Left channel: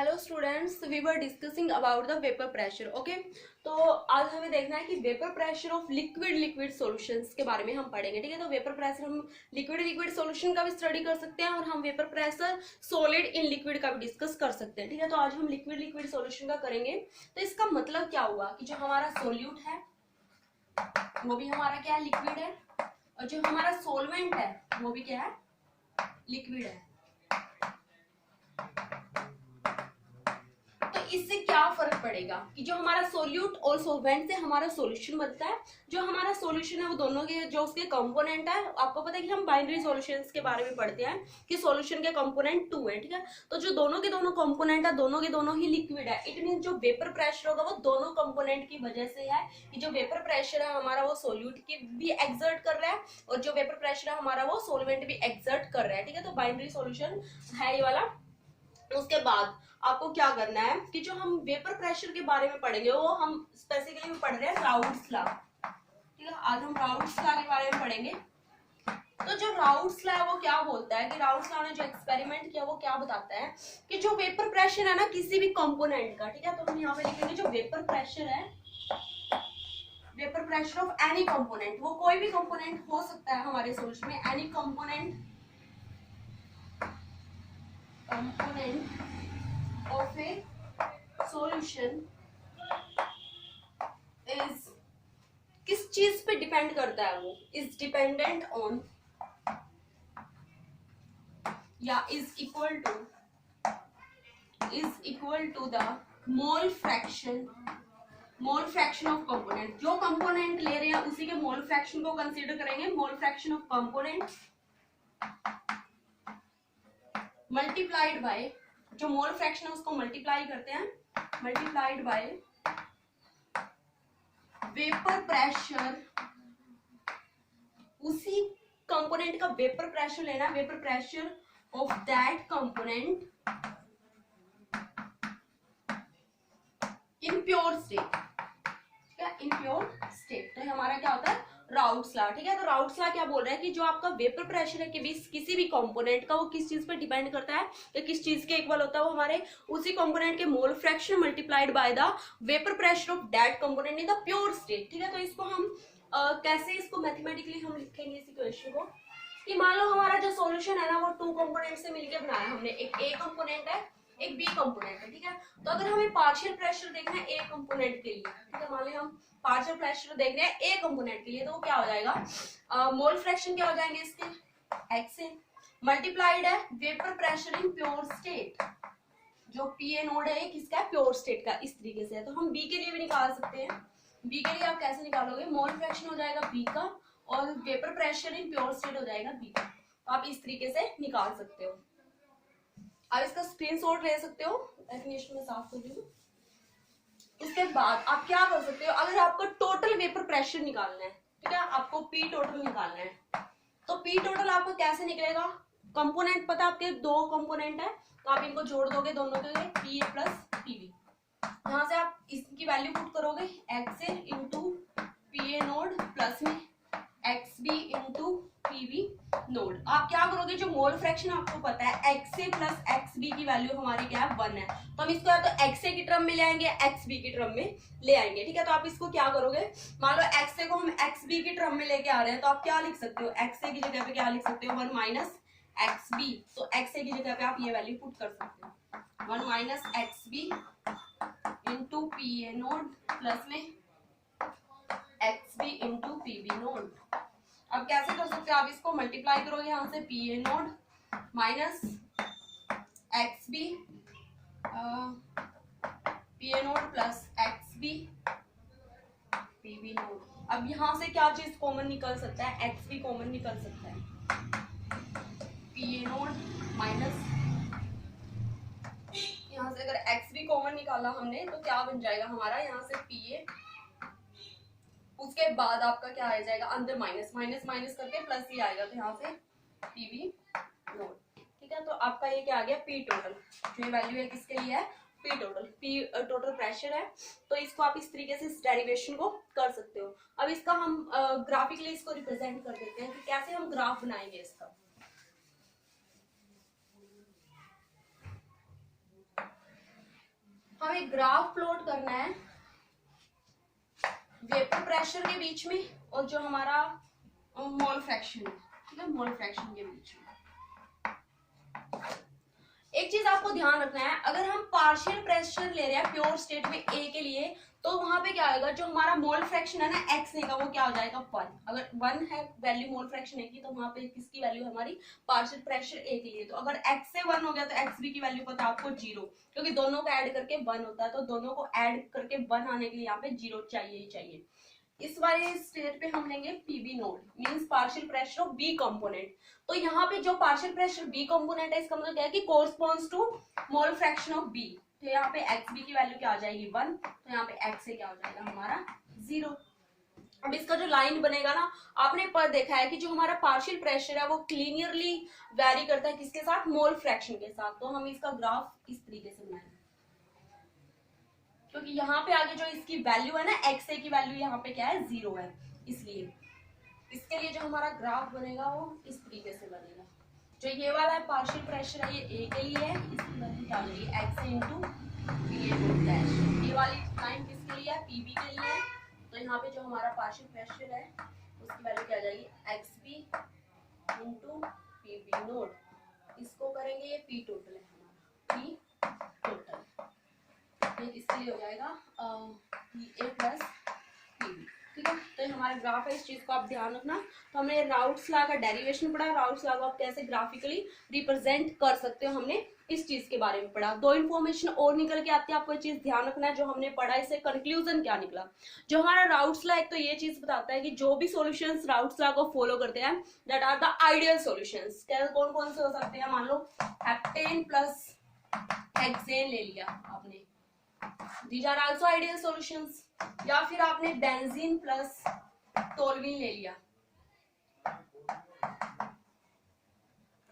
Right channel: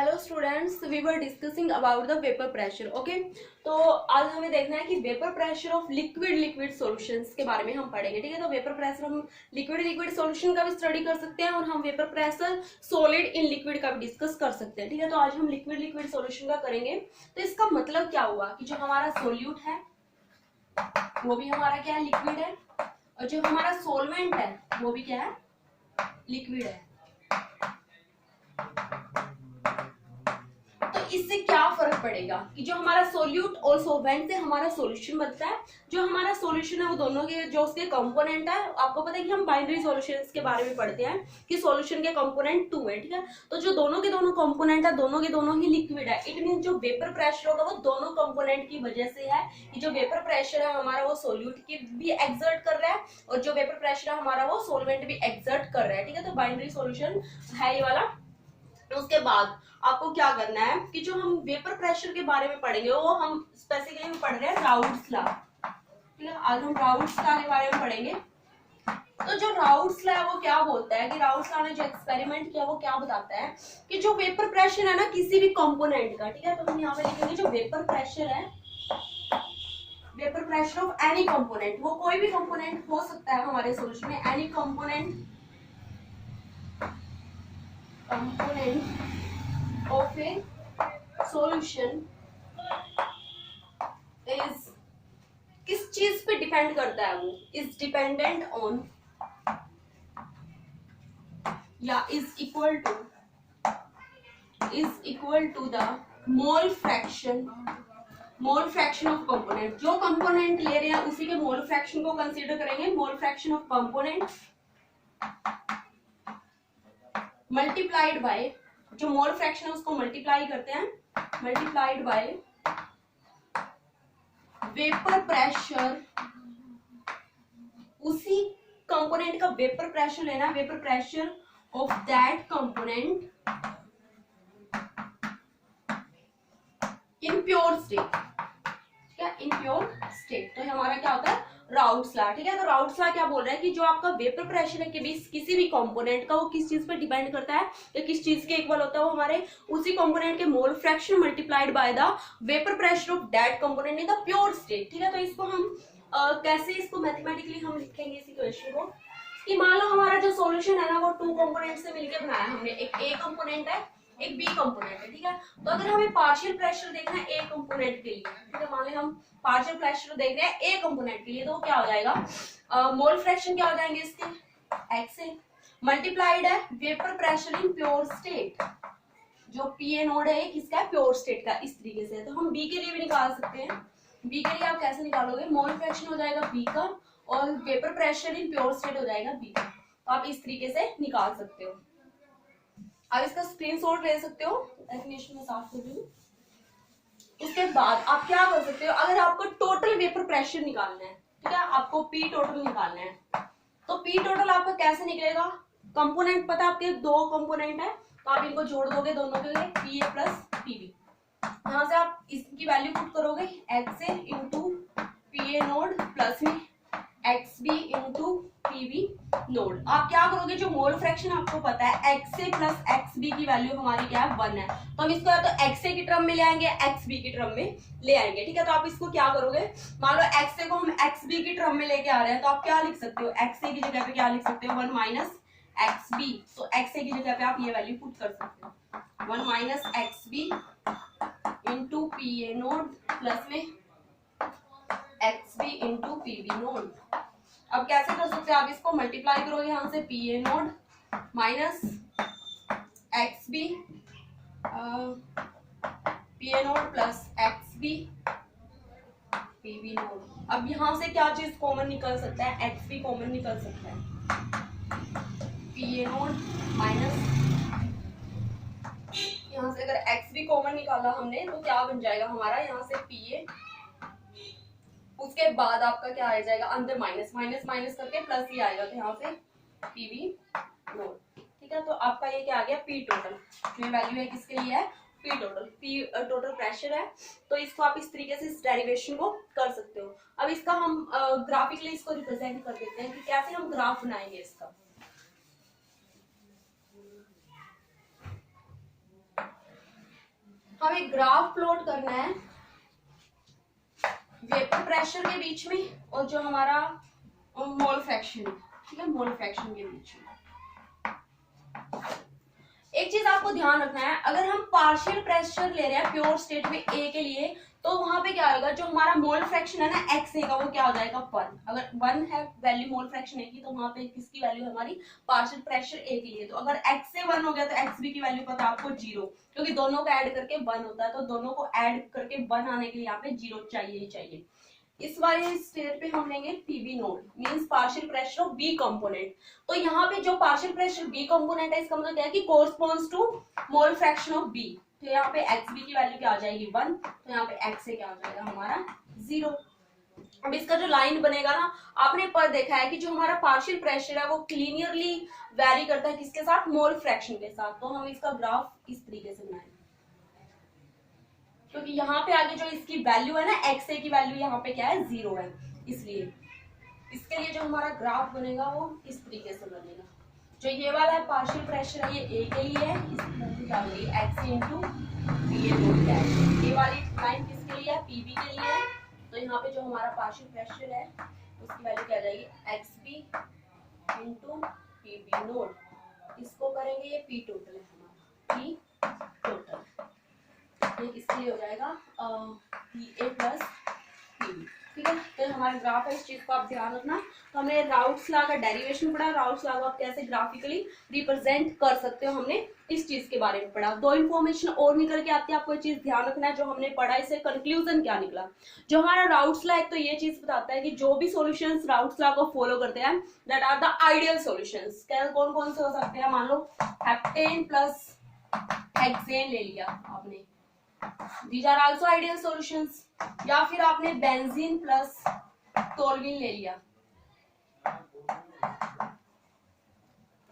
Hello students, we were discussing about the vapour pressure. Okay, तो आज हमें देखना है कि vapour pressure of liquid solutions के बारे में हम पढ़ेंगे। ठीक है, तो वेपर प्रेशर हम लिक्विड सॉल्यूशन का भी स्टडी कर सकते हैं और हम vapour pressure solid in liquid का भी डिस्कस कर सकते हैं। ठीक है, तो आज हम लिक्विड सॉल्यूशन का करेंगे। तो इसका मतलब क्या हुआ कि जो हमारा सोल्यूट है वो भी हमारा क्या है, लिक्विड है, और जो हमारा सोलवेंट है वो भी क्या है, लिक्विड है। इससे क्या फर्क पड़ेगा कि जो हमारा सोल्यूट और सोलवेंट से हमारा सॉल्यूशन बनता है, जो हमारा सॉल्यूशन है वो दोनों के जो उसके कंपोनेंट है, आपको पता है कि हम बाइनरी सॉल्यूशंस के बारे में पढ़ते हैं कि सॉल्यूशन के कंपोनेंट 2 है। ठीक है, तो जो दोनों के दोनों कंपोनेंट है दोनों के दोनों ही लिक्विड है। इट मीन जो वेपर प्रेशर होगा वो दोनों कंपोनेंट की वजह से है कि जो वेपर प्रेशर है हमारा वो सोल्यूट की भी एक्सर्ट कर रहा है और जो वेपर प्रेशर है हमारा वो सोलवेंट भी एक्सर्ट कर रहा है। ठीक है, तो बाइनरी सॉल्यूशन है ये वाला। उसके बाद आपको क्या करना है कि जो हम वेपर प्रेशर के बारे में पढ़ेंगे वो हम स्पेसिफिकली पढ़ रहे हैं राउट्स लॉ। ठीक है, आज हम राउट्स लॉ के बारे में पढ़ेंगे। तो जो राउट्स लॉ है वो क्या बोलता है कि राउट्स लॉ ने जो एक्सपेरिमेंट किया वो क्या बताता है कि जो वेपर प्रेशर है ना किसी भी कंपोनेंट का, ठीक है, तो हम यहाँ पे लिखेंगे जो वेपर प्रेशर है, vapour pressure of any component, वो कोई भी कंपोनेंट हो सकता है हमारे सॉल्यूशन में, any component of a solution is किस चीज पे डिपेंड करता है, वो इज डिपेंडेंट ऑन या is equal to the mole fraction of component. जो कंपोनेंट ले रहे हैं उसी के मोल फ्रैक्शन को कंसीडर करेंगे। मोल fraction of component multiplied by, जो मोल फ्रैक्शन है उसको मल्टीप्लाई करते हैं, मल्टीप्लाइड बाय वेपर प्रेशर, उसी कंपोनेंट का वेपर प्रेशर लेना, vapour pressure of that component in pure state. ठीक है, इन प्योर स्टेट। तो हमारा क्या होता है, राउट्स लॉ। ठीक है, तो राउट्स लॉ क्या बोल रहा है कि जो आपका वेपर प्रेशर है किसी भी कंपोनेंट का, वो किस चीज पे डिपेंड करता है या किस चीज के इक्वल होता है, वो हमारे उसी कंपोनेंट के mole fraction multiplied by the vapour pressure of that component in the pure state. ठीक है, तो इसको हम कैसे इसको मैथमेटिकली हम लिखेंगे इस इक्वेशन को कि मान लो हमारा जो सॉल्यूशन है ना वो 2 कंपोनेंट से मिलकर बनाया हमने, एक ए कंपोनेंट है एक बी कंपोनेंट है। ठीक है, तो अगर हमें पार्शियल प्रेशर देखना है ए कंपोनेंट के लिए, ठीक है, मान लो हम पार्शियल प्रेशर देख रहे हैं ए कंपोनेंट के लिए, तो क्या हो जाएगा, मोल फ्रैक्शन क्या हो जाएंगे इसके, एक्स ए मल्टीप्लाइड है vapour pressure in pure state, जो पी ए नोड है किसका है, प्योर स्टेट का। इस तरीके से तो हम बी के लिए भी निकाल सकते हैं। बी के लिए आप कैसे निकालोगे, मोल फ्रैक्शन हो जाएगा बी का और vapour pressure in pure state हो जाएगा बी का। तो आप इस तरीके से निकाल सकते हो। अब इसका स्क्रीनशॉट ले सकते हो, डेफिनेशन में साफ कर दूं। उसके बाद आप क्या कर सकते हो, अगर आपको टोटल वेपर प्रेशर निकालना है, ठीक है, आपको पी टोटल निकालना है, तो पी टोटल आपका कैसे निकलेगा, कंपोनेंट पता है आपके 2 कंपोनेंट है तो आप इनको जोड़ दोगे दोनों के लिए, P A plus P B. यहां से आप इसकी वैल्यू पुट करोगे X A into P A node plus में X B into P B naught. आप क्या करोगे, जो मोल फ्रैक्शन आपको पता है X A plus X B की वैल्यू हमारी क्या है, 1 है, तो हम इसको या तो एक्स ए की टर्म में ले आएंगे एक्स बी की टर्म में ले आएंगे। ठीक है, तो आप इसको क्या करोगे, मान लो एक्स ए को हम एक्स बी की टर्म में लेके आ रहे हैं, तो आप क्या लिख सकते हो, एक्स ए की जगह पे क्या लिख सकते हो, 1 माइनस एक्स बी। तो एक्स ए की जगह पे आप ये वैल्यू पुट कर सकते हो, 1 minus X B into P A node plus में X B into P B node. अब कैसे कर सकते हो, आप इसको मल्टीप्लाई करोगे यहाँ से, P A nought minus X B P A node plus X B P B node. अब यहाँ से क्या चीज कॉमन निकल सकता है, एक्स बी कॉमन निकल सकता है, पी ए नोड माइनस, यहाँ से अगर एक्स बी कॉमन निकाला हमने तो क्या बन जाएगा हमारा, यहाँ से पी ए, उसके बाद आपका क्या आ जाएगा, अंदर माइनस माइनस माइनस करके प्लस ही आएगा, तो यहाँ से पी बी नोड। ठीक है, तो आपका ये क्या आ गया, पी टोटल, जो ये वैल्यू है किसके लिए है, P total, P total pressure है। तो इसको आप इस तरीके से इस डेरिवेशन को कर सकते हो। अब इसका हम ग्राफिकली इसको रिप्रेजेंट कर देते हैं कि कैसे हम ग्राफ बनाएंगे इसका। हमें ग्राफ प्लॉट करना है वेपर प्रेशर के बीच में और जो हमारा मोल फ्रैक्शन है, ठीक है, मोल फ्रैक्शन के बीच में। एक चीज आपको ध्यान रखना है, अगर हम पार्शियल प्रेशर ले रहे हैं प्योर स्टेट में ए के लिए, तो वहां पे क्या होगा, जो हमारा मोल फ्रैक्शन है ना एक्स ए का, वो क्या हो जाएगा 1। अगर 1 है वैल्यू मोल फ्रैक्शन ए की, तो वहां पे किसकी वैल्यू हमारी पार्शियल प्रेशर ए के लिए। तो अगर एक्स से 1 हो गया तो एक्स बी की वैल्यू पता है आपको 0, क्योंकि दोनों को ऐड करके 1 होता है, तो दोनों को ऐड करके 1 आने के लिए यहाँ पे 0 चाहिए ही चाहिए। इस वाले स्टेट पे हम लेंगे PB nought, means partial pressure of B component. तो यहाँ पे जो पार्शियल प्रेशर बी कंपोनेंट है, इसका मतलब क्या है कि corresponds to mole fraction of B. तो यहाँ पे एक्स बी की वैल्यू क्या आ जाएगी 1, तो यहाँ पे एक्स से क्या हो जाएगा हमारा 0। अब इसका जो लाइन बनेगा ना, आपने पर देखा है कि जो हमारा पार्शियल प्रेशर है वो लीनियरली वैरी करता है किसके साथ, मोल फ्रैक्शन के साथ। तो हम इसका ग्राफ इस तरीके से बनाएंगे, क्योंकि यहाँ पे आगे जो इसकी वैल्यू है ना एक्स ए की वैल्यू यहाँ पे क्या है 0 है, इसलिए इसके लिए जो हमारा ग्राफ बनेगा वो इस तरीके से बनेगा। जो ये वाला है पार्शियल प्रेशर है, ये ए के लिए है, इसकी वैल्यू क्या बनेगी एक्स इंटू बी ए नोट डैश। ये वाली लाइन किसके लिए है, पीबी के लिए है। तो यहाँ पे जो हमारा पार्शियल प्रेशर है उसकी वैल्यू क्या आ जाएगी X B into PB nought. इसको करेंगे, ये पी टोटल है हमारा, पी टोटल इसके लिए हो जाएगा पी ए प्लस पीबी, ठीक है। तो हमारा ग्राफ है, इस चीज को आप ध्यान रखना। तो हमने राउट्स लॉ का डेरिवेशन पढ़ा, राउट्स लॉ को आप कैसे ग्राफिकली रिप्रेजेंट कर सकते हो, हमने इस चीज के बारे में पढ़ा। 2 इन्फॉर्मेशन और निकल के आती है, आपको ये चीज ध्यान रखना है। जो हमने पढ़ा इससे कंक्लूजन क्या निकला, जो हमारा राउट्स लॉ एक तो ये चीज बताता है कि जो भी सॉल्यूशंस राउट्स लॉ को फॉलो करते हैं that are the ideal solutions. क्या कौन कौन से हो सकते हैं, मान लो हेप्टेन प्लस हेक्सेन ले लिया आपने, these are also ideal solutions। या फिर आपने बेंजीन प्लस टोल्यूइन ले लिया,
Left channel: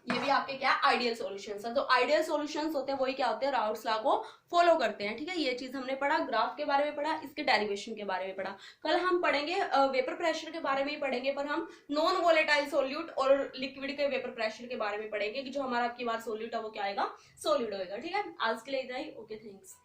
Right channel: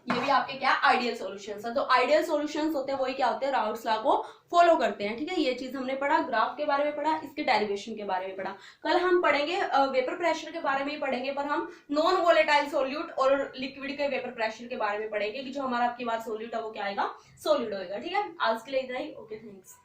ये भी आपके क्या आइडियल सॉल्यूशंस है। तो आइडियल सॉल्यूशंस होते हैं वही क्या होते हैं, राउट्स लॉ को फॉलो करते हैं, ठीक है। ये चीज हमने पढ़ा, ग्राफ के बारे में पढ़ा, इसके डेरिवेशन के बारे में पढ़ा। कल हम पढ़ेंगे वेपर प्रेशर के बारे में ही पढ़ेंगे, पर हम नॉन वोलेटाइल सोल्यूट और लिक्विड के वेपर प्रेशर के बारे में पढ़ेंगे कि जो हमारा आपकी बात सोल्यूट है वो क्या आएगा, सोलिड होगा, ठीक है। आज के लिए इतना ही, ओके थैंक्स।